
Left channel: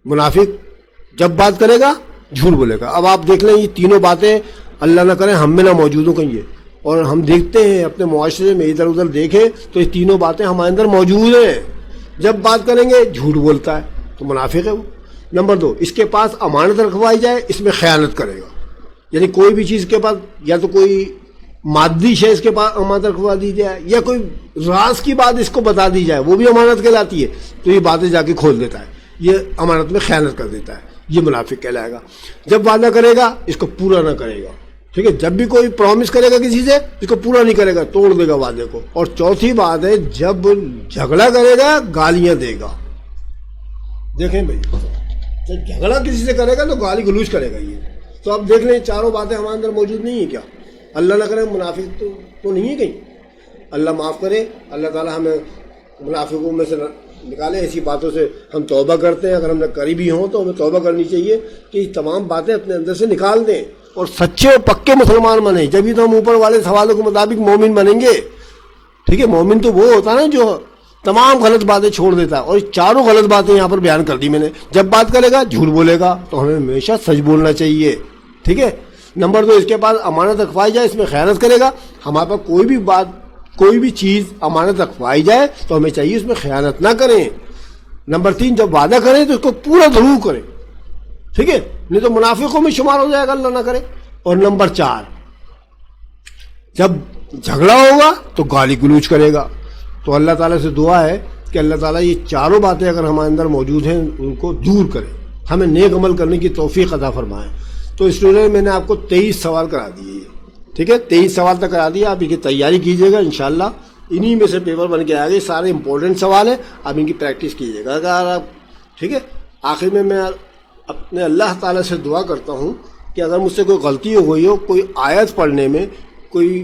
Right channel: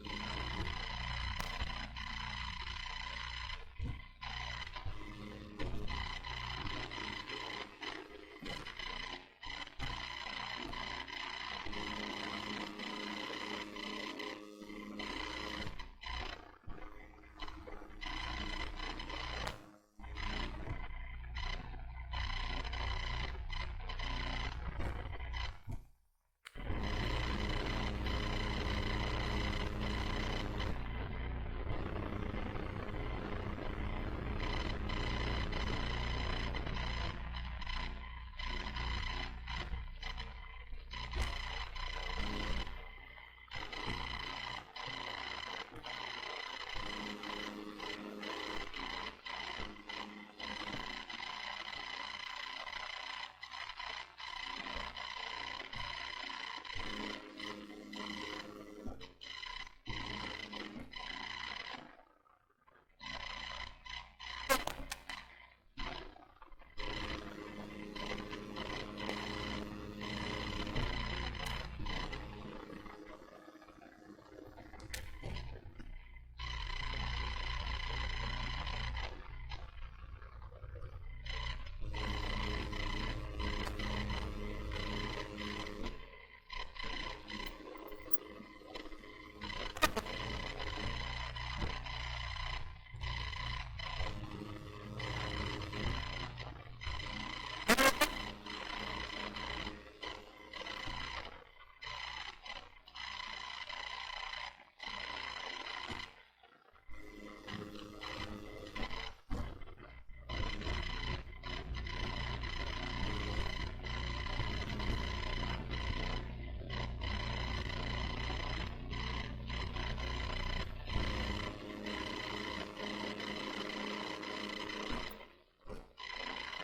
منافق جب بات کرے گا جھوٹ بولے گا. اب آپ دیکھ لیں یہ تینوں باتیں اللہ نہ کرے ہم میں نہ موجود ہوں کہیں, یہ اور ہم دیکھتے ہیں اپنے معاشرے میں ادھر ادھر دیکھیں تو یہ تینوں باتیں ہمارے اندر موجود ہیں. جب بات کریں گے جھوٹ بولتا ہے تو منافق ہے وہ. نمبر 2, اس کے پاس امانت رکھوائی جائے اس میں خیانت کرے گا, یعنی کوئی بھی چیز کے پاس یا تو کوئی مادی شے اس کے پاس امانت رکھوا دی جائے یا کوئی راز کی بات اس کو بتا دی جائے وہ بھی امانت کہلاتی ہے, تو یہ باتیں جا کے کھول دیتا ہے, یہ امانت میں خیانت کر دیتا ہے, یہ منافق کہلائے گا. جب وعدہ کرے گا اس کو پورا نہ کرے گا. ٹھیک ہے, جب بھی کوئی پرومس کرے گا کسی سے اس کو پورا نہیں کرے گا, توڑ دے گا وعدے کو. اور چوتھی بات ہے جب جھگڑا کرے گا گالیاں دے گا. دیکھیں بھائی جب جھگڑا کسی سے کرے گا تو گالی گلوچ کرے گا یہ. تو اب دیکھ لیں چاروں باتیں ہمارے اندر موجود نہیں ہیں کیا؟ اللہ نہ کرے منافق تو نہیں ہے کہیں. اللہ معاف کرے, اللہ تعالیٰ ہمیں منافقوں میں سے نکالے. ایسی باتوں سے ہم توبہ کرتے ہیں, اگر ہم نے کری بھی ہوں تو ہمیں توبہ کرنی چاہیے کہ یہ تمام باتیں اپنے اندر سے نکال دیں اور سچے اور پکے مسلمان بنیں. جبھی تو ہم اوپر والے سوالوں کے مطابق مومن بنیں گے. ٹھیک ہے, مومن تو وہ ہوتا ہے نا جو تمام غلط باتیں چھوڑ دیتا ہے, اور چاروں غلط باتیں یہاں پر بیان کر دی میں نے. جب بات کرے گا جھوٹ بولے گا, تو ہمیں ہمیشہ سچ بولنا چاہیے. ٹھیک ہے. نمبر 2, اس کے پاس امانت رکھوائی جائے اس میں خیانت کرے گا. ہمارے پاس کوئی بھی بات کوئی بھی چیز امانت رکھوائی جائے تو ہمیں چاہیے اس میں خیانت نہ کریں. نمبر 3, جب وعدہ کریں تو اس کو پورا ضرور کریں. ٹھیک ہے, نہیں تو منافقوں میں شمار ہو جائے گا, اللہ نہ کرے. اور نمبر 4, جب جھگڑا ہوگا تو گالی گلوچ کرے گا. تو اللہ تعالیٰ سے دعا ہے کہ اللہ تعالیٰ یہ چاروں باتیں اگر ہمارے اندر موجود ہیں ان کو دور کرے, ہمیں نیک عمل کرنے کی توفیق عطا فرمائے. تو اسٹوڈنٹ میں نے آپ کو 23 سوال کرا دیے. ٹھیک ہے, 23 سوال تک کرا دیا. آپ ان کی تیاری کیجیے گا, انشاءاللہ انہی میں سے پیپر بن کے آئے گے. سارے امپورٹنٹ سوال ہیں, آپ ان کی پریکٹس کیجیے گا اگر آپ. ٹھیک ہے, آخر میں اپنے اللہ تعالیٰ سے دعا کرتا ہوں کہ اگر مجھ سے کوئی غلطی ہو گئی ہو, کوئی آیت پڑھنے میں, کوئی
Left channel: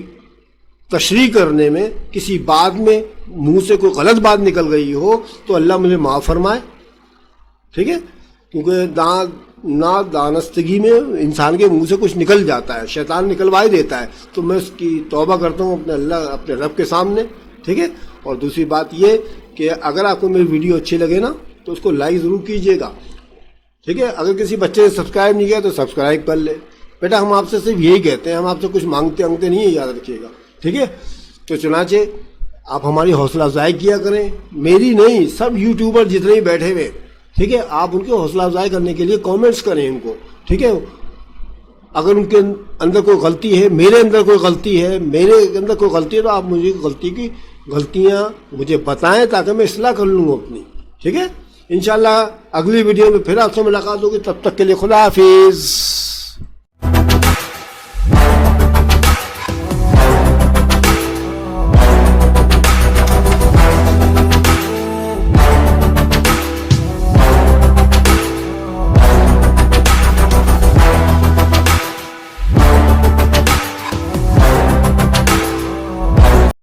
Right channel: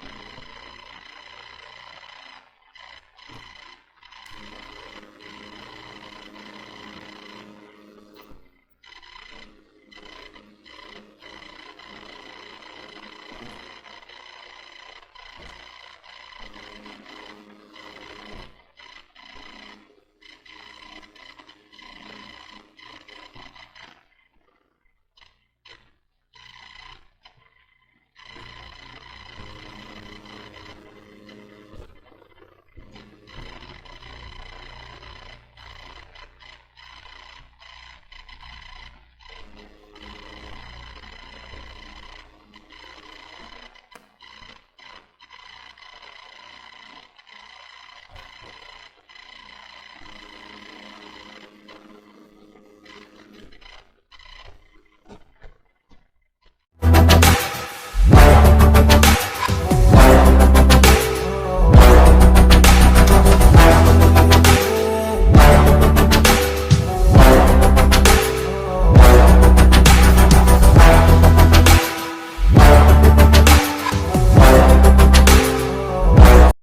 تشریح کرنے میں, کسی بات میں منہ سے کوئی غلط بات نکل گئی ہو تو اللہ مجھے معاف فرمائے. ٹھیک ہے, کیونکہ دانستگی میں انسان کے منہ سے کچھ نکل جاتا ہے, شیطان نکلوا ہی دیتا ہے. تو میں اس کی توبہ کرتا ہوں اپنے رب کے سامنے. ٹھیک ہے, اور دوسری بات یہ کہ اگر آپ کو میری ویڈیو اچھی لگے نا تو اس کو لائک ضرور کیجیے گا. ٹھیک ہے, اگر کسی بچے نے سبسکرائب نہیں کیا تو سبسکرائب کر لے. بیٹا ہم آپ سے صرف یہی کہتے ہیں, ہم آپ سے کچھ مانگتے نہیں ہیں, یاد رکھیے گا, ٹھیک ہے. تو چنانچہ آپ ہماری حوصلہ افزائی کیا کریں, میری نہیں, سب یوٹیوبر جتنے بھی بیٹھے ہوئے, ٹھیک ہے, آپ ان کی حوصلہ افزائی کرنے کے لیے کامنٹس کریں ان کو, ٹھیک ہے. اگر ان کے اندر کوئی غلطی ہے, میرے اندر کوئی غلطی ہے, میرے اندر کوئی غلطی ہے, تو آپ مجھے غلطیاں مجھے بتائیں تاکہ میں اصلاح کر لوں اپنی, ٹھیک ہے. انشاءاللہ اگلی ویڈیو میں پھر آپ سے ملاقات ہوگی, تب تک کے لیے خدا حافظ.